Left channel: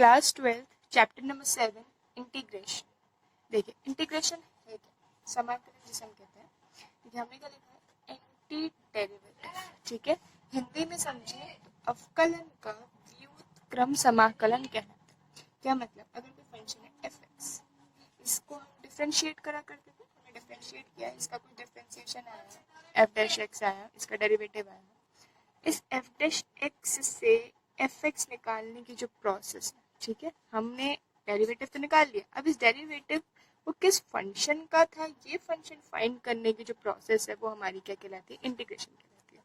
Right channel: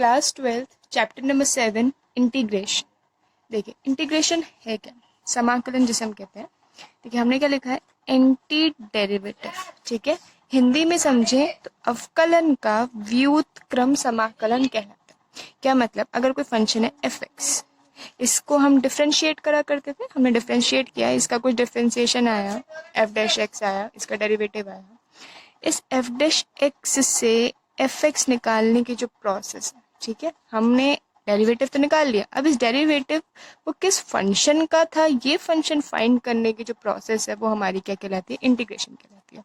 Class 12 chapter number 7 integration. देखिए integration है क्या, समाकलन जिसे हम कहते हैं। देखिए हमने क्या लिखा है, एंटी डेरिवेटिव। ठीक है, हिंदी में समझे तो अवकलन का व्युत्क्रम समाकलन कहलाता है। क्या मतलब, अगर कोई फंक्शन है एफ एक्स, इसको हम डिफ्रेंशिएट करा करते थे, हमने डिफ्रेंशिएट किया, इसका कुछ डिफ्रेंशिएशन आया, एफ डैश एक्स आया, इसका डेरिवेटिव आया। इस एफ डैश एक्स से एफ एक्स निकालने की जो प्रोसेस है, ठीक है, हमने डेरिवेटिव तो निकाल लिया। अब इस डेरिवेटिव वो किस फंक्शन का था, ये फंक्शन फाइंड करने की जो प्रोसेस है वो हमारी क्या कहलाती है, इंटीग्रेशन कहलाती है।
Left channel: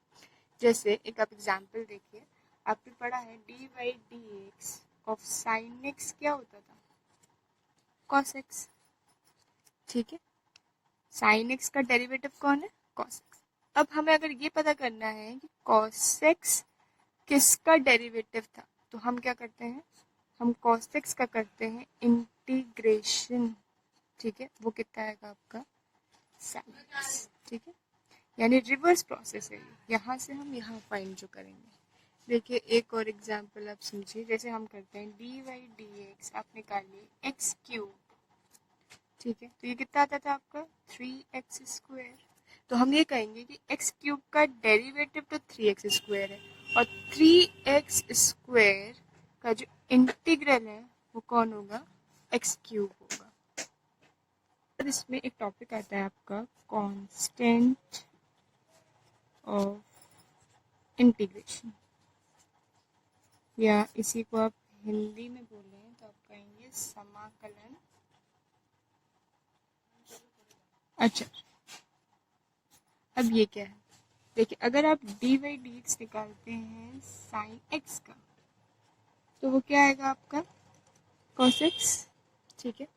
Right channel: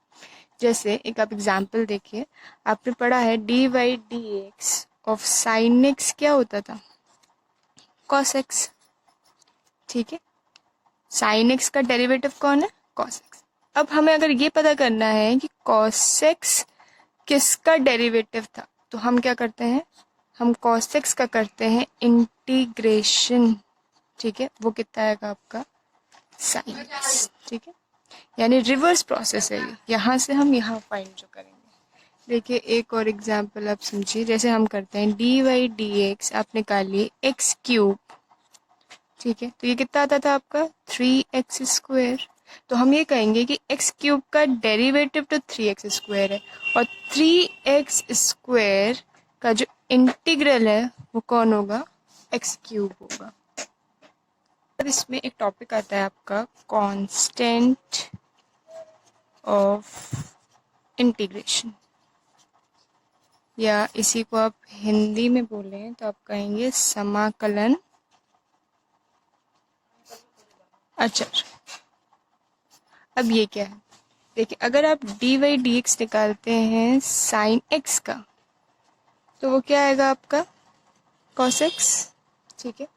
जैसे एक आप एग्जांपल देखिए, आपने पढ़ा है d y d x of sine x क्या होता था, कॉस एक्स। ठीक है, साइन एक्स का डेरिवेटिव कौन है, कॉस एक्स। अब हमें अगर ये पता करना है कि कॉस एक्स किसका डेरिवेटिव था, तो हम क्या करते हैं, हम cos x का करते हैं इंटीग्रेशन। ठीक है, वो कितना आएगा आपका, sin x। ठीक है, यानी रिवर्स प्रोसेस है ये, यहाँ से हम यहाँ फाइंड जो करेंगे। देखिए एक और एग्जांपल आप समझिए, जैसे हम करते हैं डी वाई डी एक्स, आप निकालिए एक्स क्यूब। ठीक है, तो ये कितना आता था आपका, 3x²। तो हम ये कहेंगे कि एक्स क्यूब का डेरिवेटिव तो 3x² है, और 3x² का जो इंटीग्रल है वो कौन होगा, एक्स क्यूब होगा। अब इसमें एक टॉपिक आता है आपका कांस्टेंट ऑफ इंटीग्रेशन, या इसी को आप हिंदी में बोलें तो आप कहेंगे समाकलन अचर। अब ये क्या है, देखिए अगर आप डी वाई डी एक्स निकालते हैं साइन एक्स का, तो वो क्या आएगा आपका, कॉस एक्स। ठीक है,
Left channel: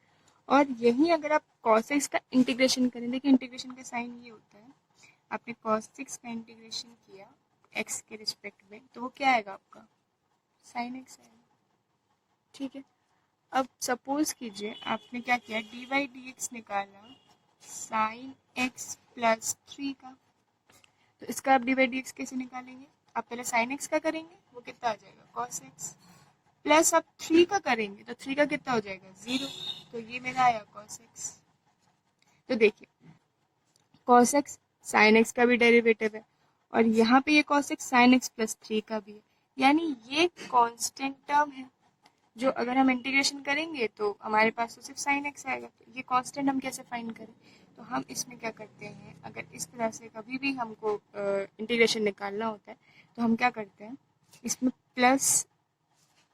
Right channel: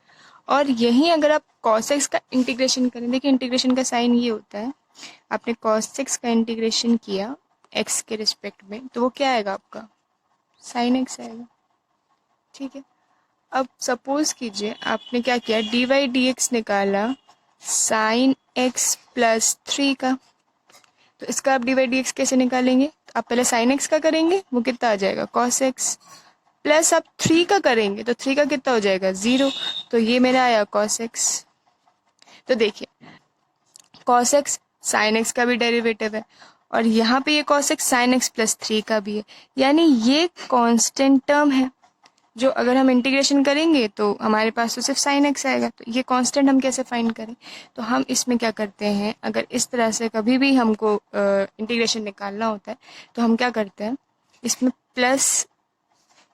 और यहीं अगर आप कॉस एक्स का इंटीग्रेशन करें, देखिए इंटीग्रेशन का साइन ये होता है, आपने कॉस एक्स का इंटीग्रेशन किया एक्स के रिस्पेक्ट में, तो वो क्या आएगा आपका, साइन एक्स आएगा। ठीक है, अब सपोज कीजिए आपने क्या किया, डी वाई डी एक्स निकाला साइन एक्स प्लस 3 का, तो इसका आप डी वाई डी एक्स कैसे निकालेंगे, तो आप पहले साइन एक्स का करेंगे, वो कितना आ जाएगा, कॉस एक्स, प्लस आप 3 का करेंगे तो 3 का कितना हो जाएगा, 0। तो ये मेरा आया कॉस एक्स। तो देखिए कॉस एक्स साइन एक्स का भी डेरिवेटिव है, और यहाँ पे ये cos x sine x plus 3 का भी है, यानी ये कांस्टेंट टर्म है, जो अगर हम इंटीग्रेशन करेंगे तो हमारे पास तो सिर्फ साइन एक्स आएगा। तो ये कांस्टेंट हम कैसे फाइंड करें, तो हम इसमें क्या करते हैं, अगर इस तरह से कभी भी हमको इंटीग्रेशन निकालना होता है तो हम क्या करते हैं, इसमें प्लस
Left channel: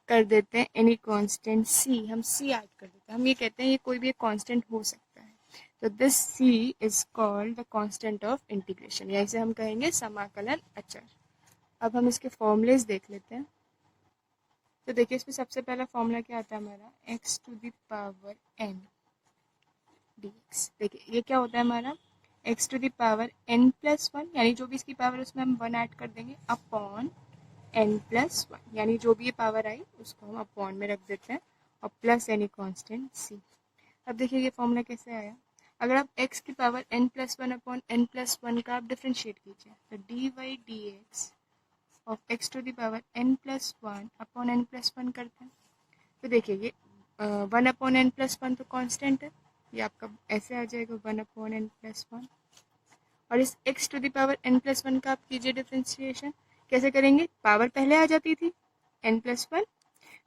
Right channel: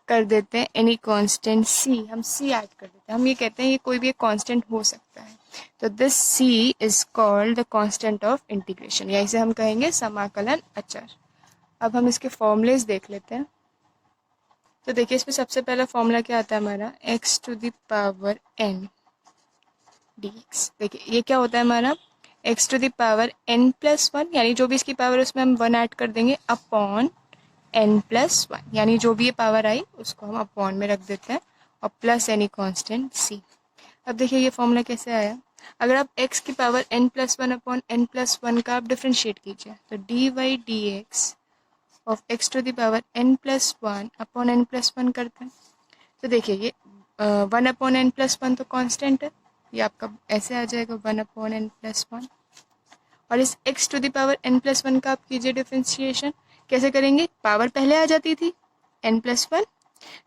कर देते हैं एनी कांस्टेंट सी, हम सी ऐड कर देते हैं, हम ये कहते हैं ये कोई भी एक कांस्टेंट हो सकता है, तो this C is called the constant of integration, या इसे हम कहेंगे समाकलन अचर। अब हम इसके फॉर्मूलेज देख लेते हैं। तो देखिए इसमें सबसे पहला फॉर्मूला क्या आता है हमारा, x to the power n dx। देखिए ये क्या होता है हमारा, x to the power n plus 1, यानी जो भी इसकी पावर उसमें हम 1 ऐड कर देंगे, अपॉन n प्लस 1, यानी जो भी ये पावर आई उसको हम अपॉन में रख देते हैं, और प्लस एनी कांस्टेंट c। अब देखिए ये फॉर्मूला कैसे आया, अगर आप x की power n plus 1 upon n plus 1 का आप डिफ्रेंशिएट कीजिए, तो d y d x of x to the power n plus 1 upon n plus 1 करते हैं, तो देखिए ये 1 अपॉन n प्लस 1 तो कांस्टेंट है, ये आपका ऐसे आ जाएगा 1 अपॉन n प्लस 1, और इस x to the power n plus 1 का आप कीजिए डिफ्रेंशिएशन, कैसे करेंगे, पावर पहले आ जाती थी n प्लस 1,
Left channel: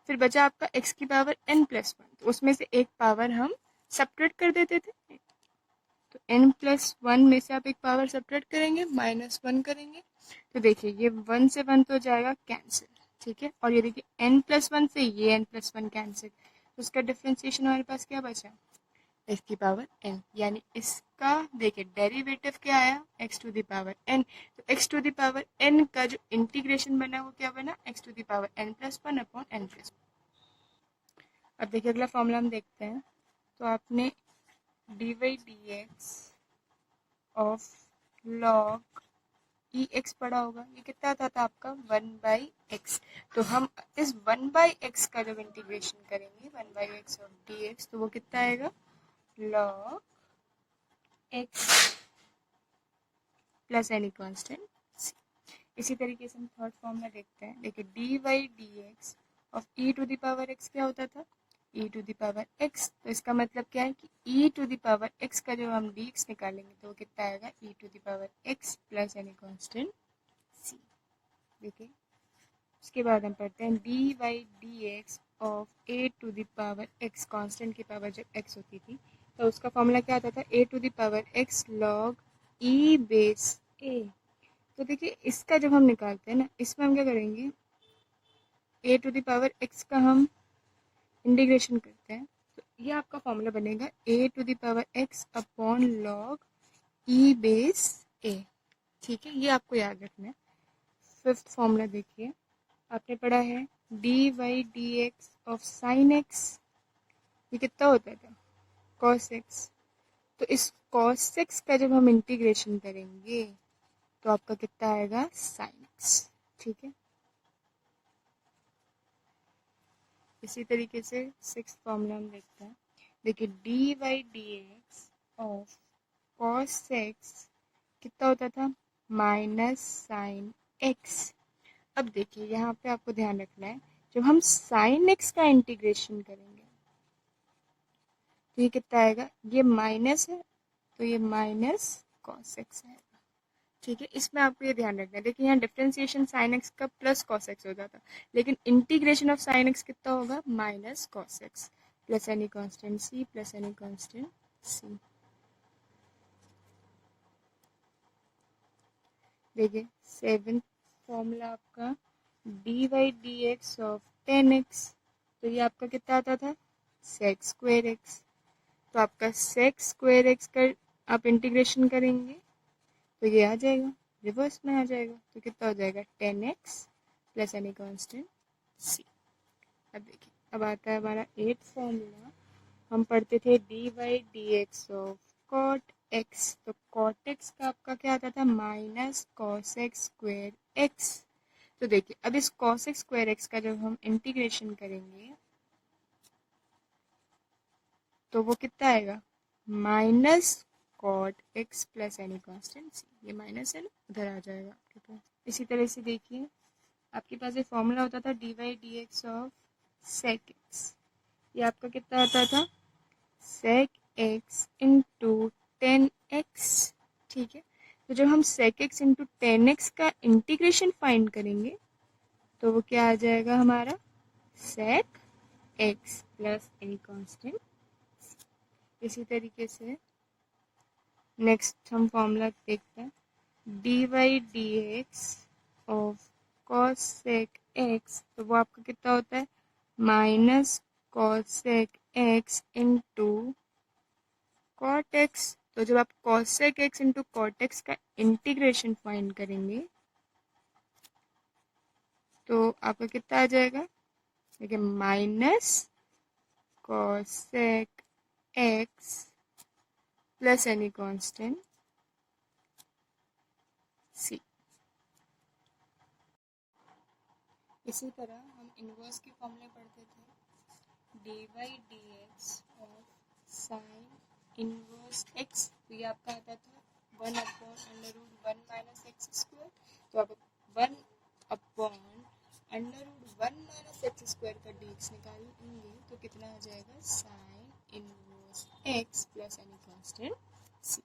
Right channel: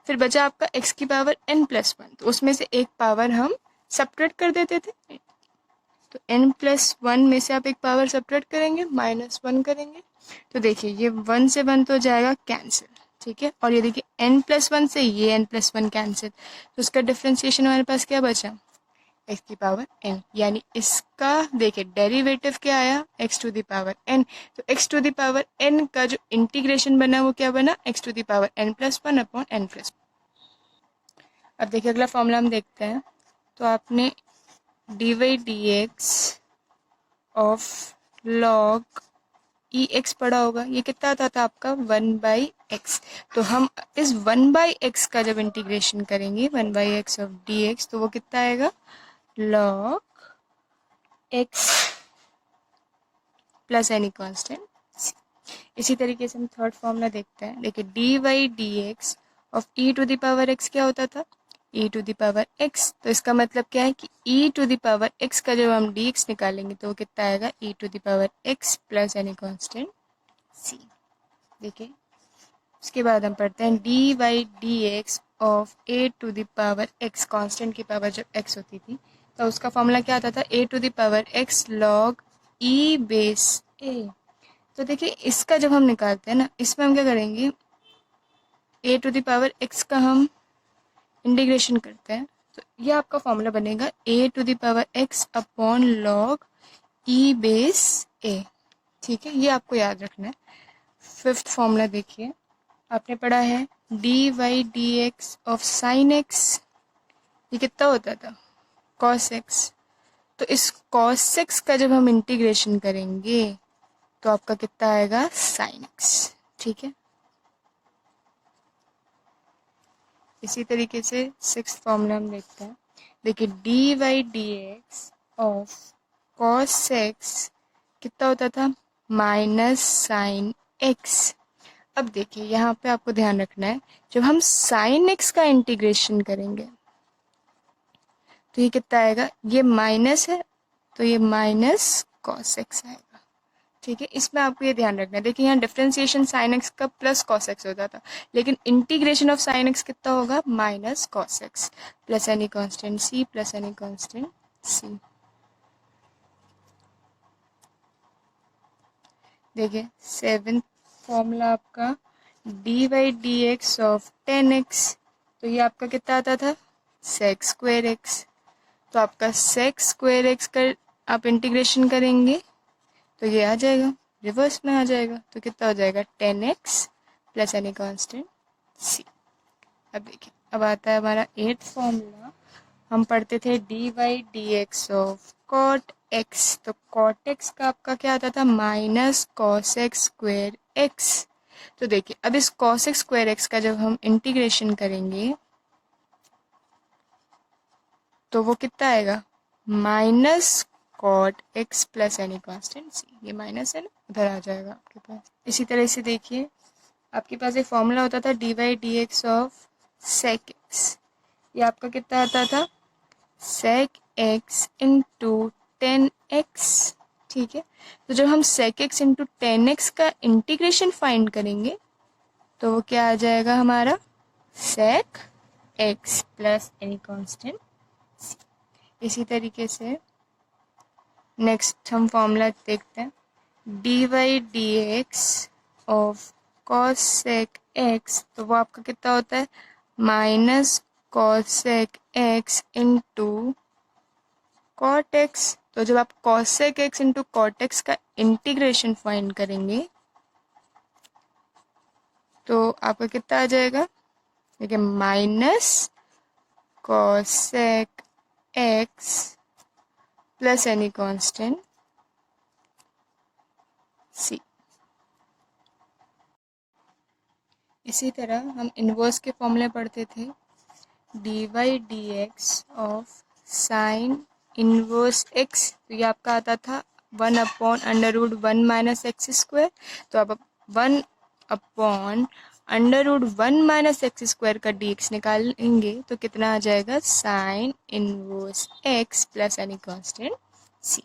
फिर बचा आपका x की पावर n प्लस 1, तो उसमें से एक पावर हम सब्ट्रैक्ट कर देते थे, तो n प्लस 1 में से आप एक पावर सब्ट्रैक्ट करेंगे, -1 करेंगे, तो देखिए ये 1 से 1 तो हो जाएगा कैंसिल। ठीक है, और ये देखिए n प्लस 1 से ये n प्लस 1 कैंसिल, तो उसका डिफ्रेंशिएशन हमारे पास क्या बचा, x की पावर n, यानी इसका देखिए डेरिवेटिव क्या आया, x to the power n, तो x to the power n का जो इंटीग्रेशन बना वो क्या बना, x to the power n plus 1 upon n plus. अब देखिए अगला फॉर्मूला हम देखते हैं, तो आपने d y d x of log e x पढ़ा होगा, ये कितना आता था आपका 1/x, तो हम इस 1/x का जब इंटीग्रेशन करेंगे 1/x ऑफ डी एक्स, तो वो कितना आएगा, log x plus any constant. इसी तरीके से हम थर्ड फॉर्मूला देखते हैं, देखिए d y d x of e to the power x क्या होता था, e to the power x. तो इसका मतलब क्या है कि e to the power x का जब हम डी एक्स निकालेंगे तो वो कितना आएगा, e to the power x plus any constant C. देखिए उसके बाद हम पढ़ते हैं d y d x of a to the power x. Constant की पावर जब एक्स होती थी तो उसका फॉर्मूला क्या आता था, a to the power x log e base a. तो देखिए इसका जब हम निकालते हैं ना, इसमें हम क्या करेंगे, ए टू द पावर एक्स का हम इंटीग्रेशन करते हैं तो ये आपका फॉर्मूला बनेगा a to the power x upon log e base a. ठीक है, ये आपको याद रखना है। फिफ्थ फॉर्मूला देखिए, आपने पढ़ा है d y d x of sine x, ये कितना होता था, कॉस एक्स। तो इस कॉस एक्स का जब हम इंटीग्रेशन करेंगे तो आपका कितना आएगा, साइन एक्स। ठीक है, इसी तरीके से सिक्स फॉर्मूला हम देखते हैं। देखिए d y d x of cos x कितना होता था, माइनस साइन एक्स। अब देखिए यहाँ पे आपको ध्यान रखना है, जब हम साइन एक्स का इंटीग्रेशन करेंगे तो ये कितना आएगा, ये माइनस है तो ये माइनस कॉस एक्स आएगा। ठीक है, इसमें आपको ये ध्यान रखना है। देखिए यहाँ डिफरेंशिएशन साइन एक्स का प्लस कॉस एक्स होता था, लेकिन इंटीग्रेशन ऑफ साइन एक्स कितना होगा, minus cos x plus any constant C plus any constant C. देखिए सेवेंथ फॉर्मूला आपका d y d x of tan x, तो ये आपका कितना आता था, सेक स्क्वेयर एक्स। तो आपका सेक स्क्वेयर एक्स का आप इंटीग्रेशन करेंगे तो ये आ जाएगा, रिवर्स में आ जाएगा, तो कितना हो जाएगा, tan x plus any constant C. अब देखिए अब आता है हमारा एट्थ फॉर्मूला, हम पढ़ते थे d y d x of cot x. तो कॉट एक्स का आपका क्या आता था, minus cos x square x. तो देखिए अब इस कॉस एक्स स्क्वेयर एक्स का जब हम इंटीग्रेशन करेंगे तो वो कितना आएगा, minus cot x plus any constant C. ये माइनस है ना, उधर आ जाएगा आपके पास। इसी तरह से देखिए आपके पास एक फॉर्मूला होता था d y d x of sec x, ये आपका कितना आता था, sec x into tan x. ठीक है, तो जब हम sec x into tan x का इंटीग्रेशन फाइंड करेंगे तो वो क्या आ जाएगा हमारा, sec x plus any constant. इसी तरीके से नेक्स्ट हम फॉर्मूला देखते हैं d y d x of cosec x, तो वो आपका कितना होता है, minus cosec x into cot x. तो जब आप cosec x into cot x का इंटीग्रेशन फाइंड करेंगे तो आपका कितना आ जाएगा, देखिए minus cosec x plus any constant C. इसी तरह हम इनवर्स के फॉर्मूले पढ़ते थे d y d x of sine inverse x, तो ये आपका आता था one upon under root one minus x square. तो अब one upon under root one minus x square का डी एक्स निकालेंगे तो कितना आ जाएगा, sine inverse x plus any constant C.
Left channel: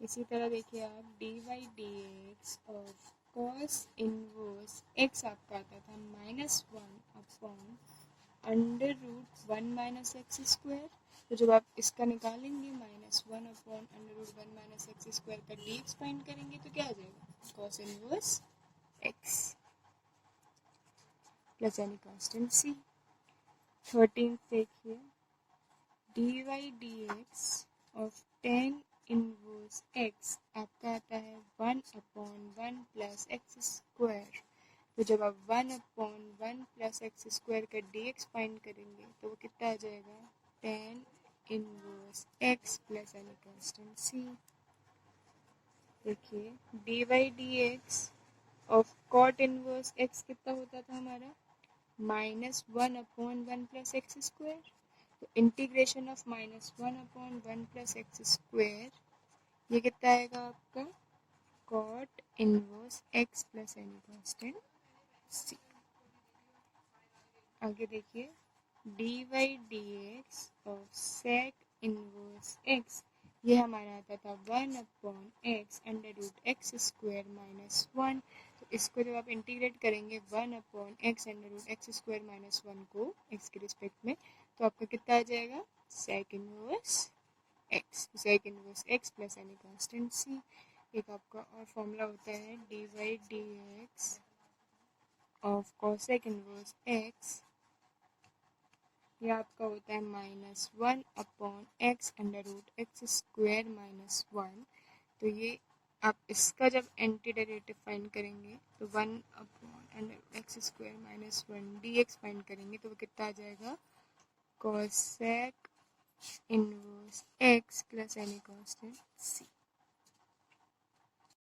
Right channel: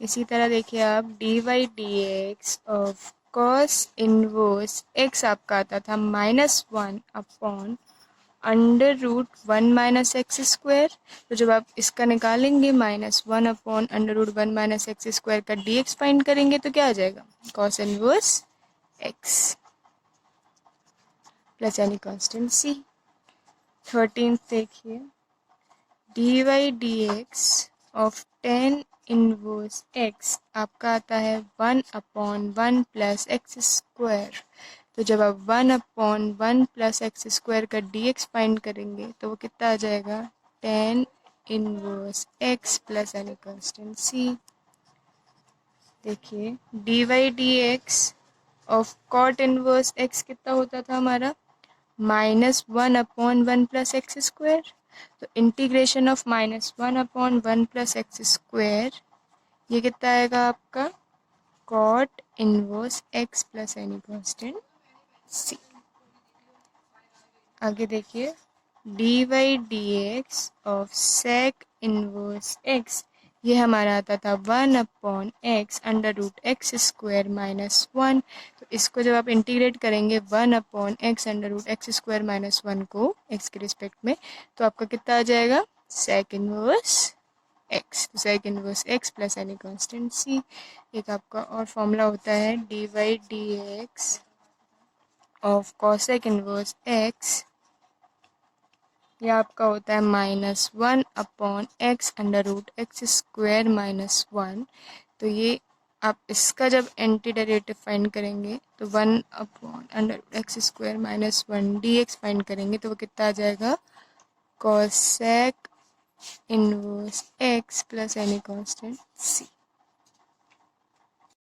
इसी तरह देखिए आप d y d x of cos inverse x आपका आता था minus one upon under root one minus x square. तो जब आप इसका निकालेंगे minus one upon under root one minus x square का डी एक्स फाइंड करेंगे तो क्या आ जाएगा, cos inverse x plus any constant सी। 13th देखिए d y d x of tan inverse x आपका आता है one upon one plus x square. तो जब आप one upon one plus x square का डी एक्स फाइंड करेंगे तो वो कितना आ जाएगा, tan inverse x plus any constant C. देखिए d y d x of cot inverse x कितना होता था हमारा, minus one upon one plus x square. तो integration of minus one upon one plus x square ये कितना आएगा आपका, cot inverse x plus any constant C. आगे देखिए, d y d x of sec inverse x, ये हमारा आता था 1/x under root x square minus 1। तो इसको जब आप इंटीग्रेट करेंगे 1/x under root x square minus 1 को x के रिस्पेक्ट में, तो आपका कितना आ जाएगा, सेक इनवर्स एक्स। तो sec inverse x plus any constant C. एक आपका और फॉर्मूला होता है d y d x of cosec inverse x, यह आपका होता है -1/x under root x square minus 1। तो ये आप इसका जब एंटी डेरिवेटिव फाइंड करेंगे तो 1/x square minus 1 dx find करेंगे, तो वो कितना आ जाएगा, cosec inverse x plus any constant सी।